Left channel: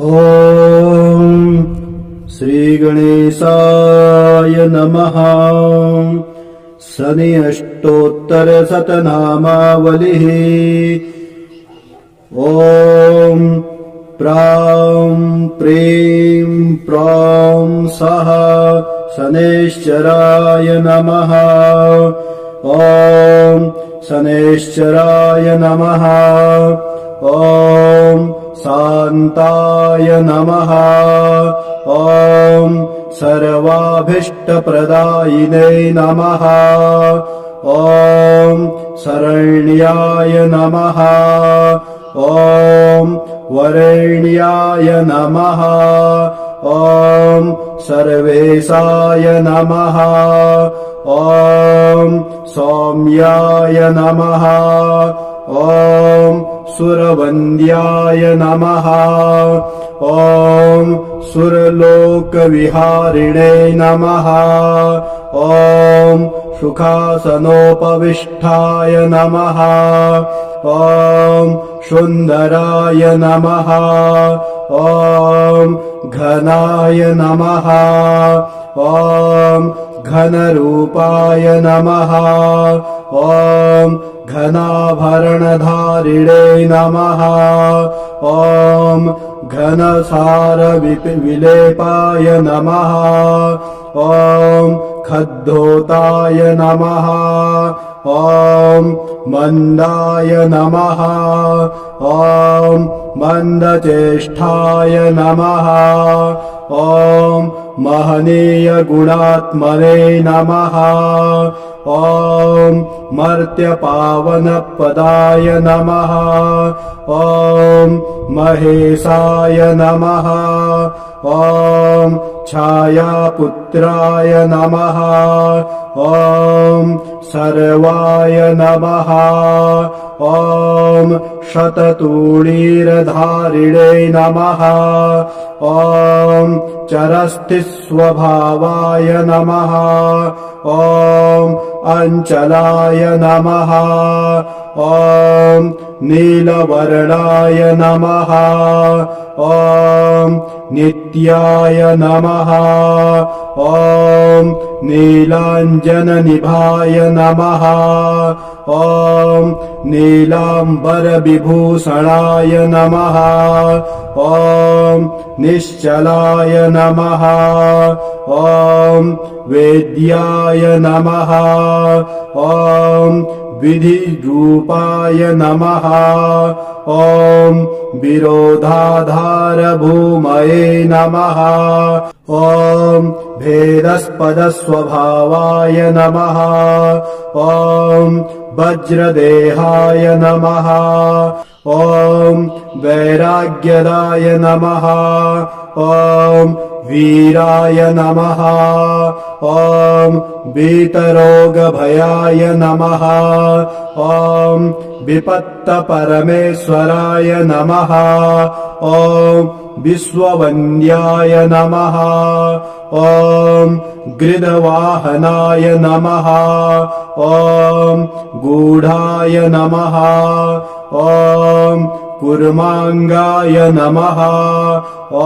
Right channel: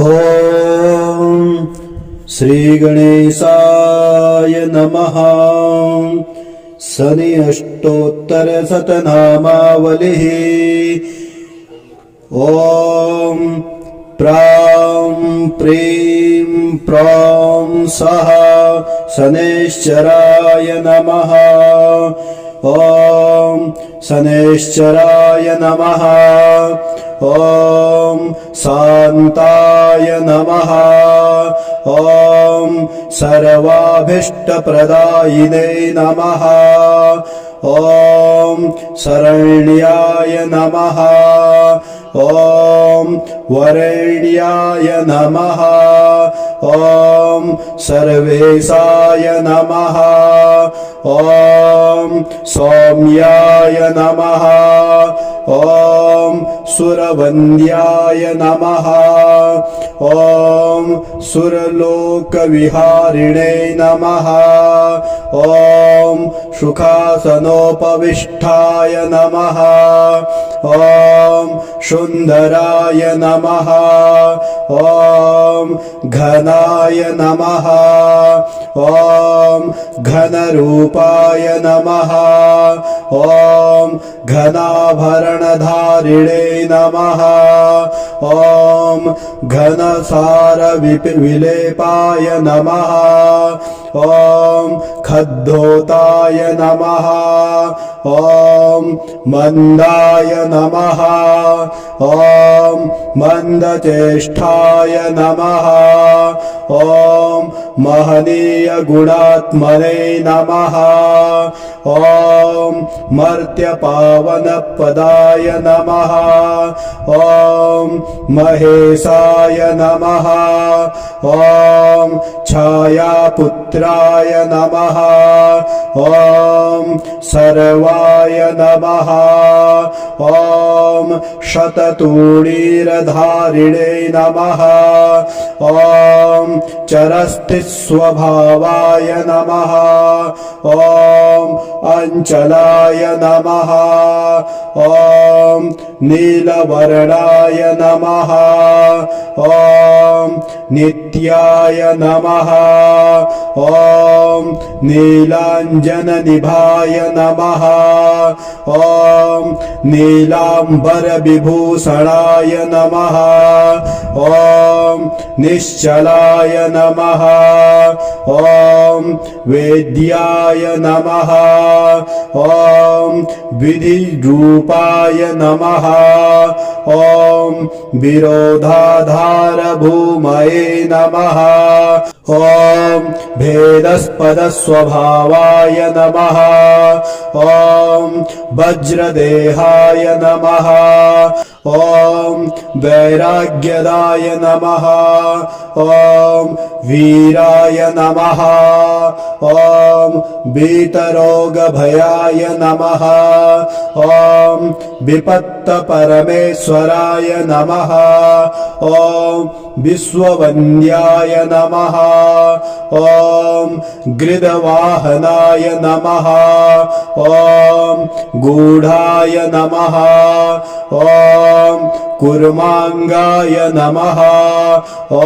ॐ श्रीगणेशाय नमः। शनि अष्टोत्तरशतनामावलिः। ॐ प्रां प्रीं प्रौं सः शनैश्चराय नमः। ॐ शनैश्चराय नमः। ॐ शान्ताय नमः। ॐ सर्वाभीष्टप्रदायिने नमः। ॐ शरण्याय नमः। ॐ वरेण्याय नमः। ॐ सर्वेशाय नमः। ॐ सौम्याय नमः। ॐ सुरवन्द्याय नमः। ॐ सुरलोकविहारिणे नमः। ॐ सुखासनोपविष्टाय नमः। ॐ सुन्दराय नमः। ॐ घनाय नमः। ॐ घनरूपाय नमः। ॐ घनाभरणधारिणे नमः। ॐ घनसारविलेपाय नमः। ॐ खद्धोताय नमः। ॐ मन्दाय नमः। ॐ मन्दचेष्टाय नमः। ॐ महनीयगुणात्मने नमः। ॐ मर्त्यपावनपदाय नमः। ॐ महेशाय नमः। ॐ छायापुत्राय नमः। ॐ सर्वाय नमः। ॐ शततूणीरधारिणे नमः। ॐ चरस्थिस्वभावाय नमः। ॐ अञ्चलाय नमः। ॐ नीलवर्णाय नमः। ॐ नित्याय नमः। ॐ नीलाञ्जननिभाय नमः। ॐ नीलाम्बरविभूषणाय नमः। ॐ निश्चलाय नमः। ॐ वेद्याय नमः। ॐ विधिरूपाय नमः। ॐ विरोधाधारभूमये नमः। ॐ भेदस्पदस्वभावाय नमः। ॐ वज्रदेहाय नमः। ॐ वैराग्यदाय नमः। ॐ वीराय नमः। ॐ वीतरोगभयाय नमः। ॐ विपत्तपरमेश्वराय नमः। ॐ विश्ववन्द्याय नमः। ॐ गृदवाहनाय नमः। ॐ गूढाय नमः। ॐ कुर्माङ्गाय नमः। ॐ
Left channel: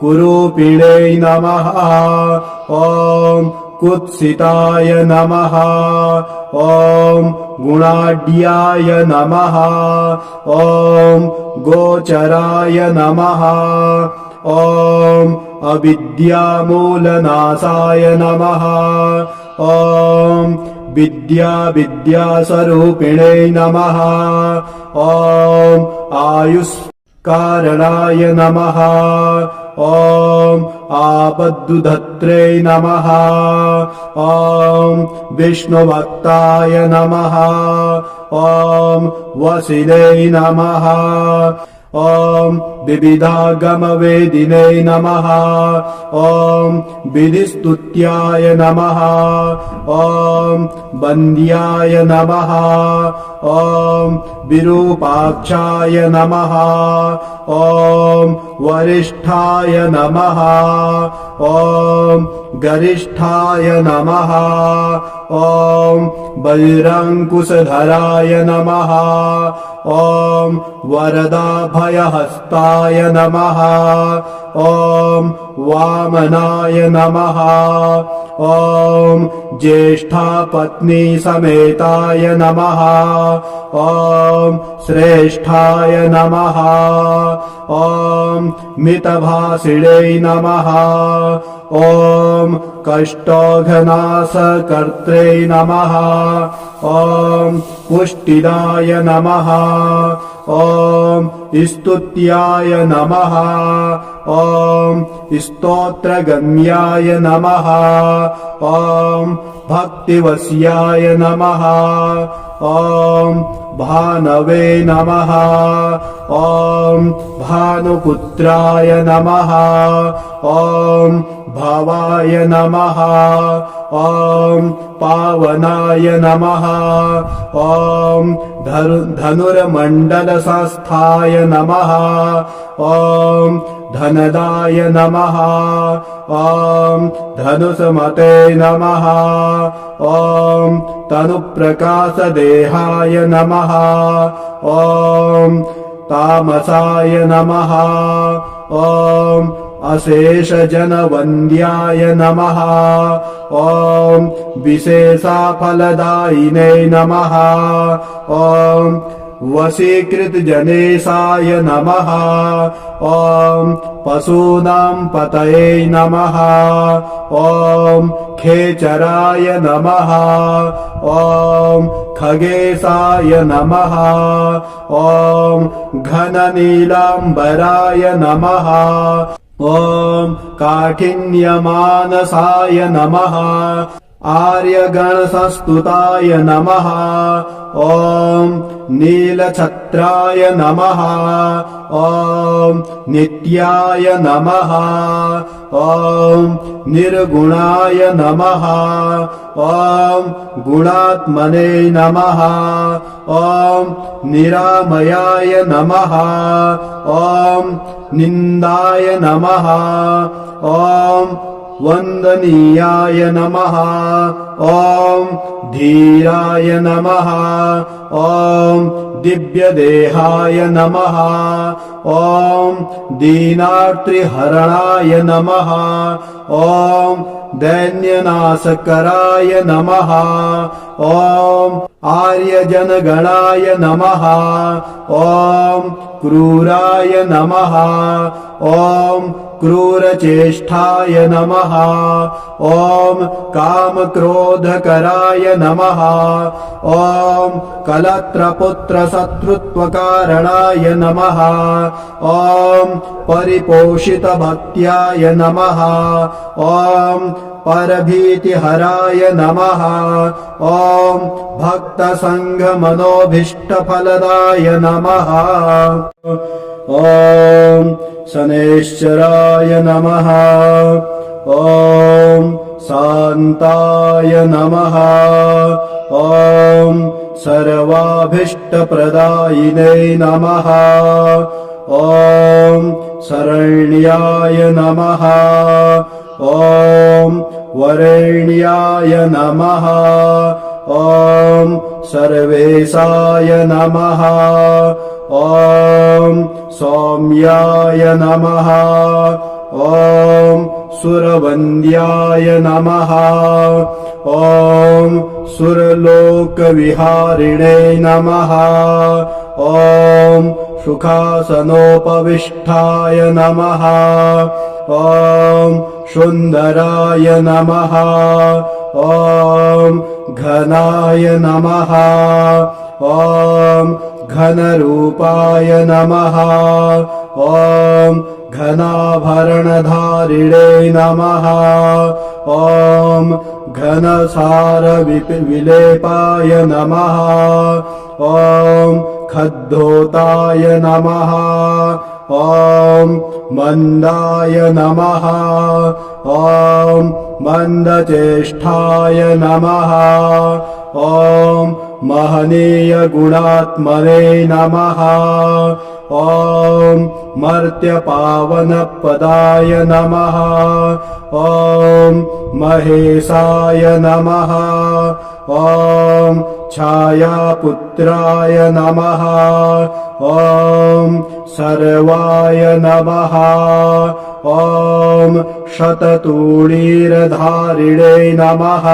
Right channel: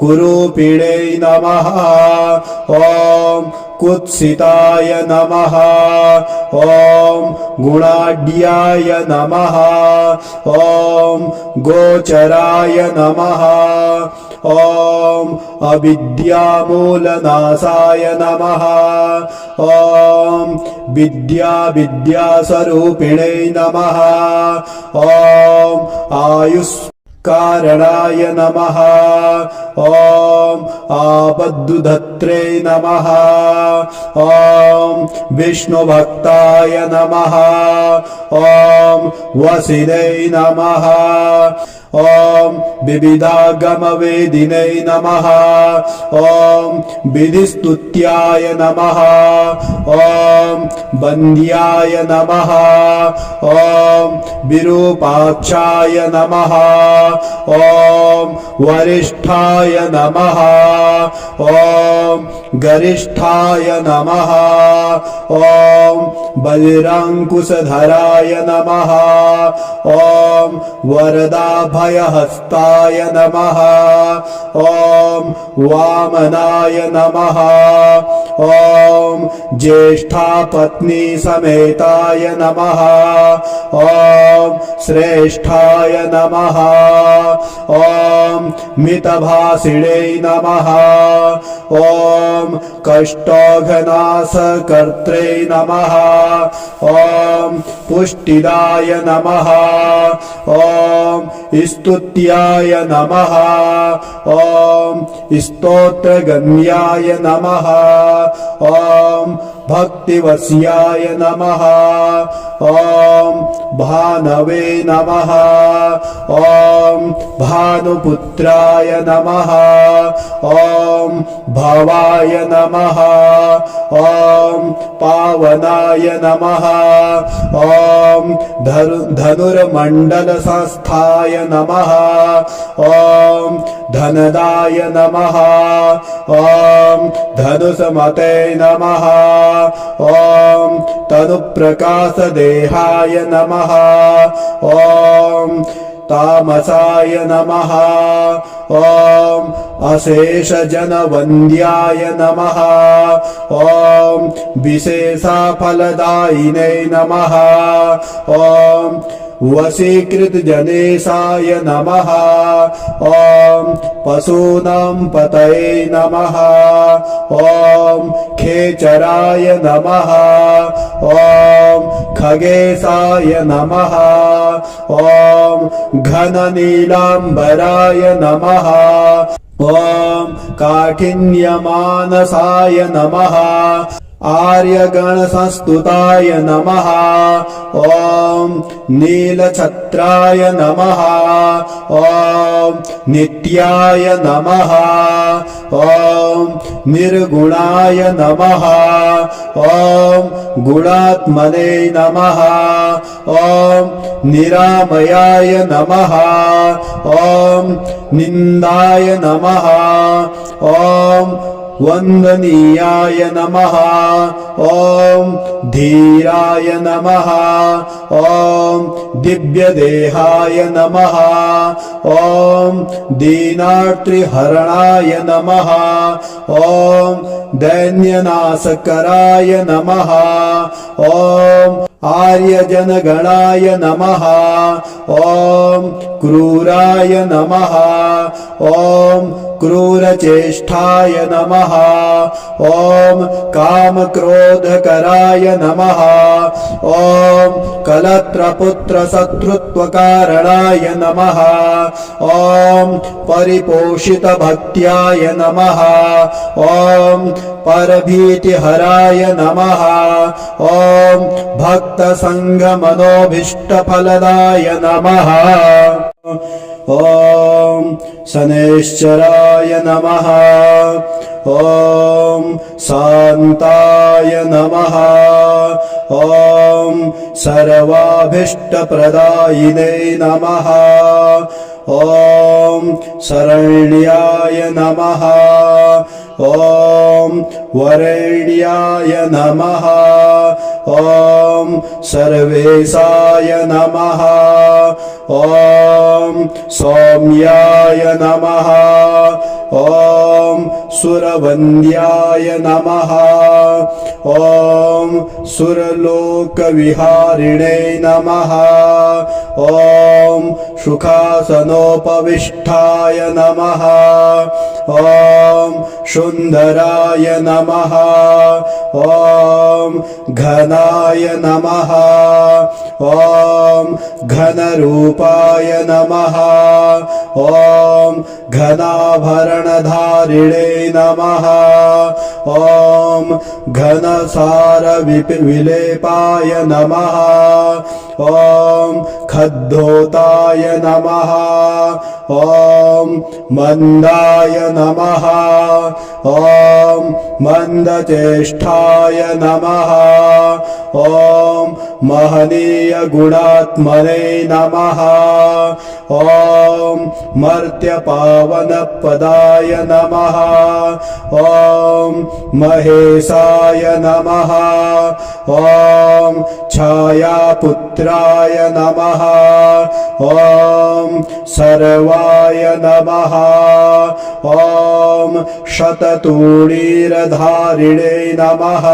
कुरूपिणे नमः। ॐ कुत्सिताय नमः। ॐ गुणाढ्याय नमः। ॐ गोचराय नमः। ॐ अविद्यामूलनाशाय नमः। ॐ विद्यास्वरूपिणे नमः। ॐ आयुष्कारणाय नमः। ॐ आपद्दुधत्रे नमः। ॐ विष्णुभक्ताय नमः। ॐ वसिने नमः। ॐ विविधागमवेदिने नमः। ॐ विधिस्तुत्याय नमः। ॐ वन्द्याय नमः। ॐ विरूपाक्षाय नमः। ॐ वरिष्ठाय नमः। ॐ गरिष्ठाय नमः। ॐ बलिरङ्कुशधराय नमः। ॐ वरदाभ अभयहस्ताय नमः ॐ वामनाय नमः ॐ ज्येष्ठापत्नी समेताय नमः ॐ श्रेष्ठाय नमः ॐ मितभाषिणे नमः ॐ कष्टघनाशकर्त्रे नमः ॐ पुष्टिदाय नमः ॐ स्तुत्याय नमः ॐ स्तोत्रगम्याय नमः ॐ भक्तिवस्याय नमः ॐ भानवे नमः ॐ भानुपुत्राय नमः ॐ भवाय नमः ॐ पावनाय नमः ॐ धनुर्मण्डलसंस्थाय नमः ॐ धनदाय नमः ॐ धनुषमते नमः ॐ तनुप्रकाशदेहाय नमः ॐ तामसाय नमः ॐ अशेषजनवन्द्याय नमः ॐ विशेषफलदायिने नमः ॐ वशीकृतजनेशाय नमः ॐ पशूनां पतये नमः ॐ खेचराय नमः ॐ खगेशाय नमः ॐ घननीलाम्बराय नमः ॐ काठिन्यमानसाय नमः आर्यगणसंस्तुताय नमः ॐ नीलछत्राय नमः ॐ नित्याय नमः ॐ निर्गुणाय नमः ॐ गुणात्मने नमः ॐ निरामयाय नमः ॐ निन्दाय नमः ॐ वन्दनीयाय नमः ॐ धीराय नमः ॐ दिव्यदेहाय नमः ॐ दीनार्तिहरणाय नमः ॐ दैन्यनाशकराय नमः ॐ आर्यजनगणाय नमः ॐ क्रूराय नमः ॐ क्रूरचेष्टाय नमः ॐ कामक्रोधकराय नमः ॐ कलत्रपुत्रशत्रुत्वकारणाय नमः ॐ परिपोषितभक्त्याय नमः ॐ परभीतिहराय नमः ॐ भक्तसङ्गमनोभीष्टफलदाय नमः ॐ शनैश्चराय नमः ॐ शान्ताय नमः ॐ सर्वाभीष्टप्रदायिने नमः ॐ शरण्याय नमः ॐ वरेण्याय नमः ॐ सर्वेशाय नमः ॐ सौम्याय नमः ॐ सुरवन्द्याय नमः ॐ सुरलोकविहारिणे नमः ॐ सुखासनोपविष्टाय नमः ॐ सुन्दराय नमः ॐ घनाय नमः ॐ घनरूपाय नमः ॐ घनाभरणधारिणे नमः ॐ घनसारविलेपाय नमः ॐ खद्धोताय नमः ॐ मन्दाय नमः ॐ मन्दचेष्टाय नमः ॐ महनीय गुणात्मने नमः ॐ मर्त्यपावनपदाय नमः ॐ महेशाय नमः ॐ छायापुत्राय नमः ॐ सर्वाय नमः ॐ शततूणीरधारिणे नमः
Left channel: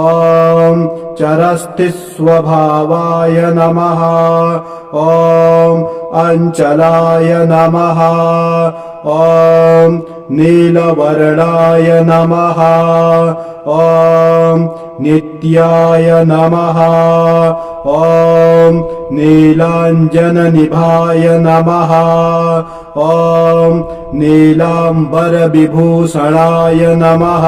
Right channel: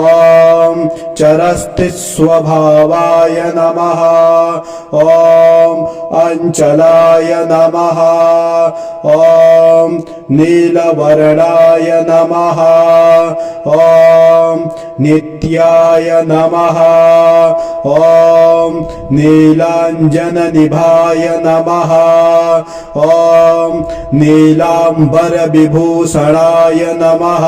ॐ चरस्थिस्वभावाय नमः ॐ अञ्चलाय नमः ॐ नीलवर्णाय नमः ॐ नित्याय नमः ॐ नीलाञ्जननिभाय नमः ॐ नीलाम्बरविभूषणाय नमः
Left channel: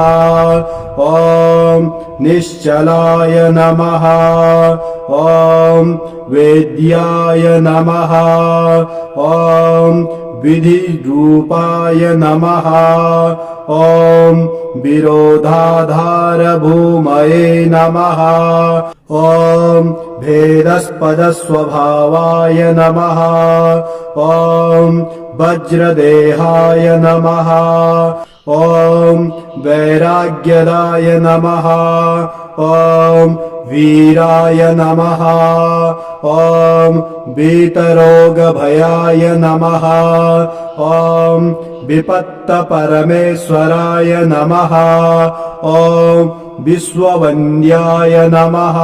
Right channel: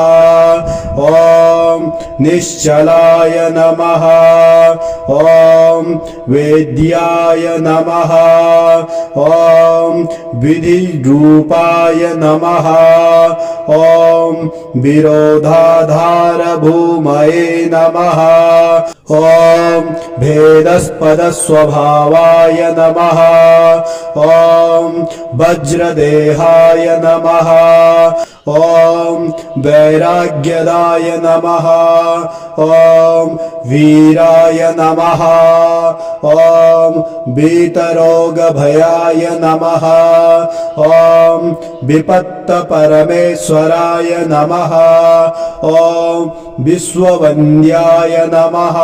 ॐ निश्चलाय नमः ॐ वेद्याय नमः ॐ विधिरूपाय नमः ॐ विरोधाधारभूमये नमः ॐ भेदस्पदस्वभावाय नमः ॐ वज्रदेहाय नमः ॐ वैराग्यदाय नमः ॐ वीराय नमः ॐ वीतरोगभयाय नमः ॐ विपत्तपरमेश्वराय नमः ॐ विश्ववन्द्याय नमः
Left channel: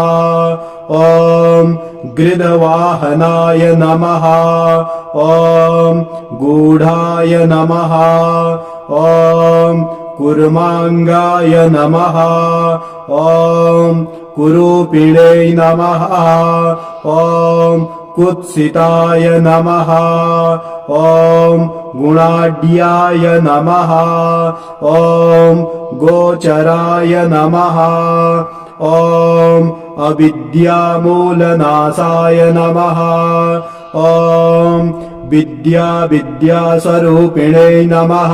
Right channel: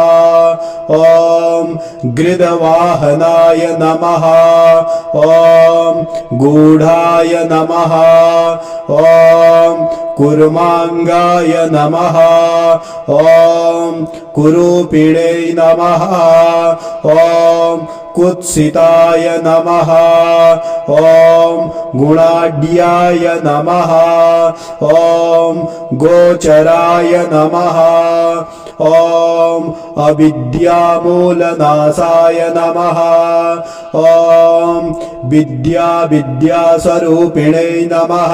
ॐ गृदवाहनाय नमः ॐ गूढाय नमः ॐ कुर्मांगाय नमः ॐ कुरूपिणे नमः ॐ कुत्सिताय नमः ॐ गुणाढ्याय नमः ॐ गोचराय नमः ॐ अविद्यामूलनाशाय नमः ॐ विद्यास्वरूपिणे नमः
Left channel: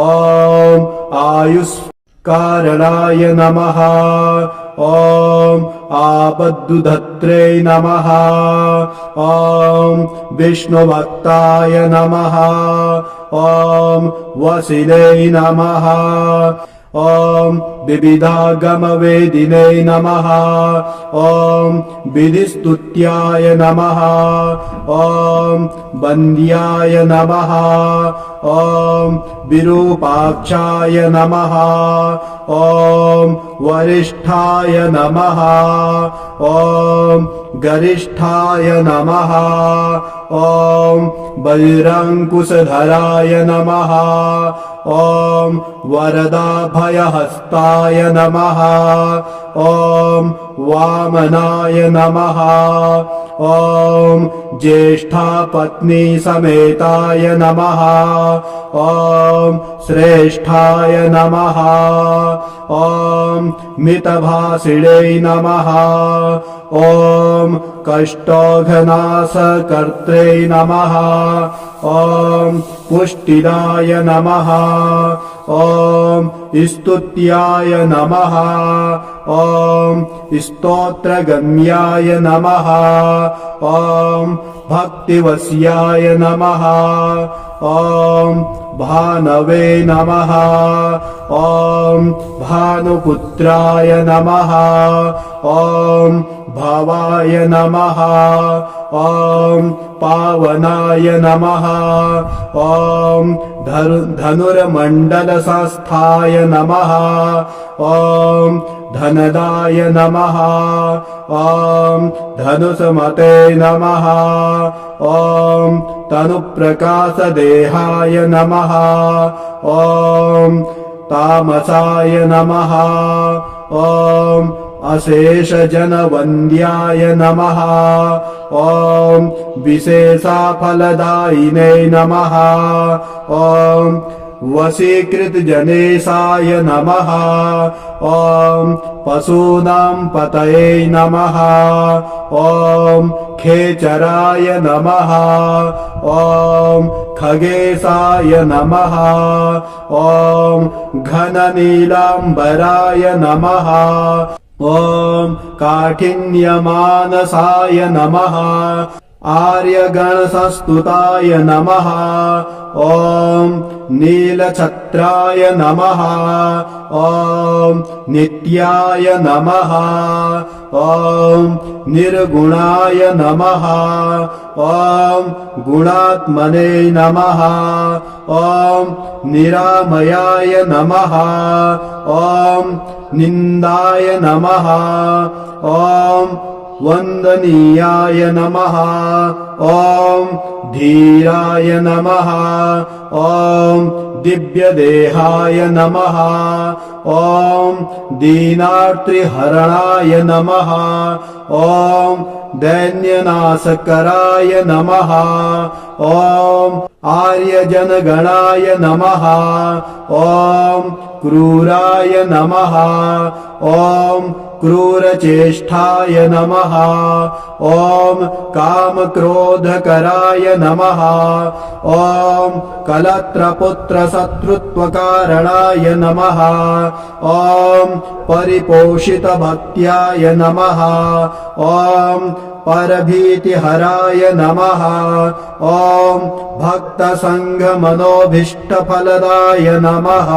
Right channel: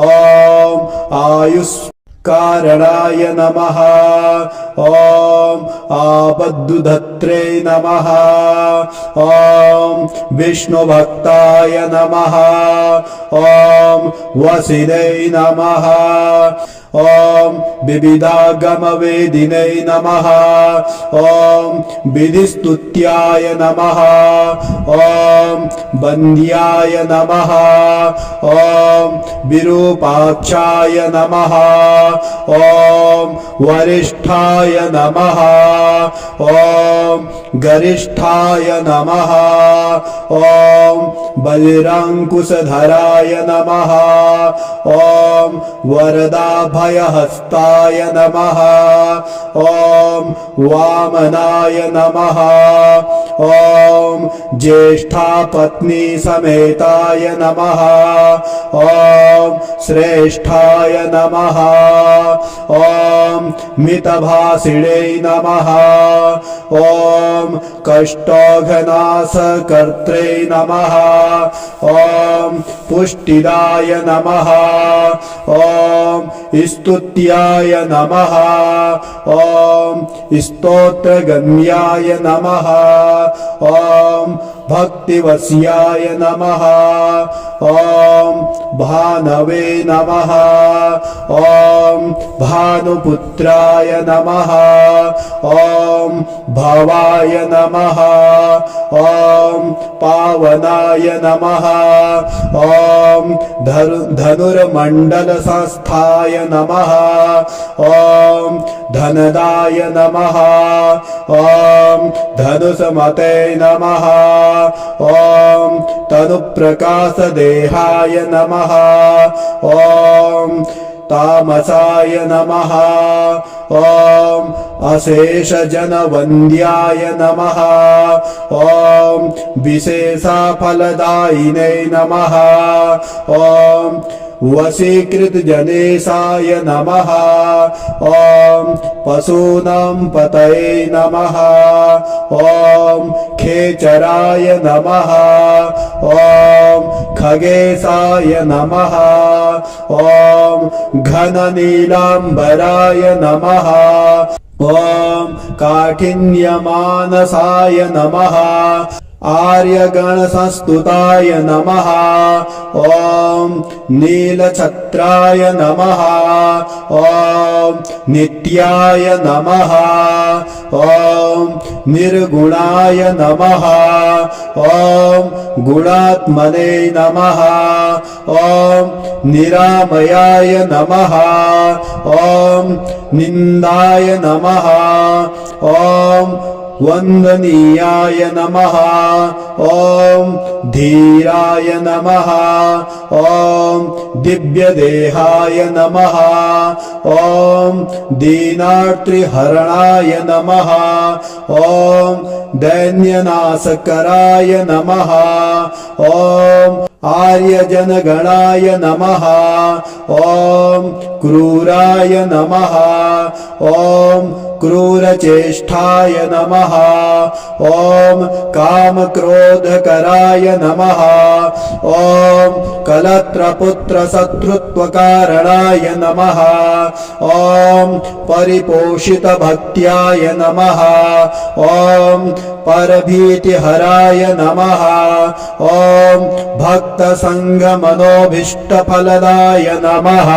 ॐ आयुष्कारणाय नमः ॐ आपद्दुधत्रे नमः ॐ विष्णुभक्ताय नमः ॐ वसिने नमः ॐ विविधागमवेदिने नमः ॐ विधिस्तुत्याय नमः ॐ वन्द्याय नमः ॐ विरूपाक्षाय नमः ॐ वरिष्ठाय नमः ॐ गरिष्ठाय नमः ॐ बलिरङ्कुशधराय नमः ॐ वरदाभयहस्ताय नमः ॐ वामनाय नमः ॐ ज्येष्ठापत्नी समेताय नमः ॐ श्रेष्ठाय नमः ॐ मितभाषिणे नमः ॐ कष्टोघनाशकर्त्रे नमः ॐ पुष्टिदाय नमः ॐ स्तुत्याय नमः ॐ स्तोत्रगम्याय नमः ॐ भक्तिवश्याय नमः ॐ भानवे नमः ॐ भानुपुत्राय नमः ॐ भवाय नमः ॐ पावनाय नमः ॐ धनुर्मण्डलसंस्थाय नमः ॐ धनदाय नमः ॐ धनुषमते नमः ॐ तनुप्रकाशदेहाय नमः ॐ तामसाय नमः ॐ अशेषजनवन्द्याय नमः ॐ विशेषफलदायिने नमः ॐ वशीकृतजनेशाय नमः ॐ पशूनां पतये नमः ॐ खेचराय नमः ॐ खगेशाय नमः ॐ घननीलाम्बराय नमः ॐ काठिन्यमानसाय नमः आर्यगणसंस्तुताय नमः ॐ नीलछत्राय नमः ॐ नित्याय नमः ॐ निर्गुणाय नमः ॐ गुणात्मने नमः ॐ निरामयाय नमः ॐ निन्दाय नमः ॐ वन्दनीयाय नमः ॐ धीराय नमः ॐ दिव्यदेहाय नमः ॐ दीनार्तिहरणाय नमः ॐ दैन्यनाशकराय नमः ॐ आर्यजनगणाय नमः ॐ क्रूराय नमः ॐ क्रूरचेष्टाय नमः ॐ कामक्रोधकराय नमः ॐ कलत्रपुत्रशत्रुत्वकारणाय नमः ॐ परिपोषितभक्त्याय नमः ॐ परभीतिहराय नमः ॐ भक्तसङ्गमनोभीष्टफलदाय नमः।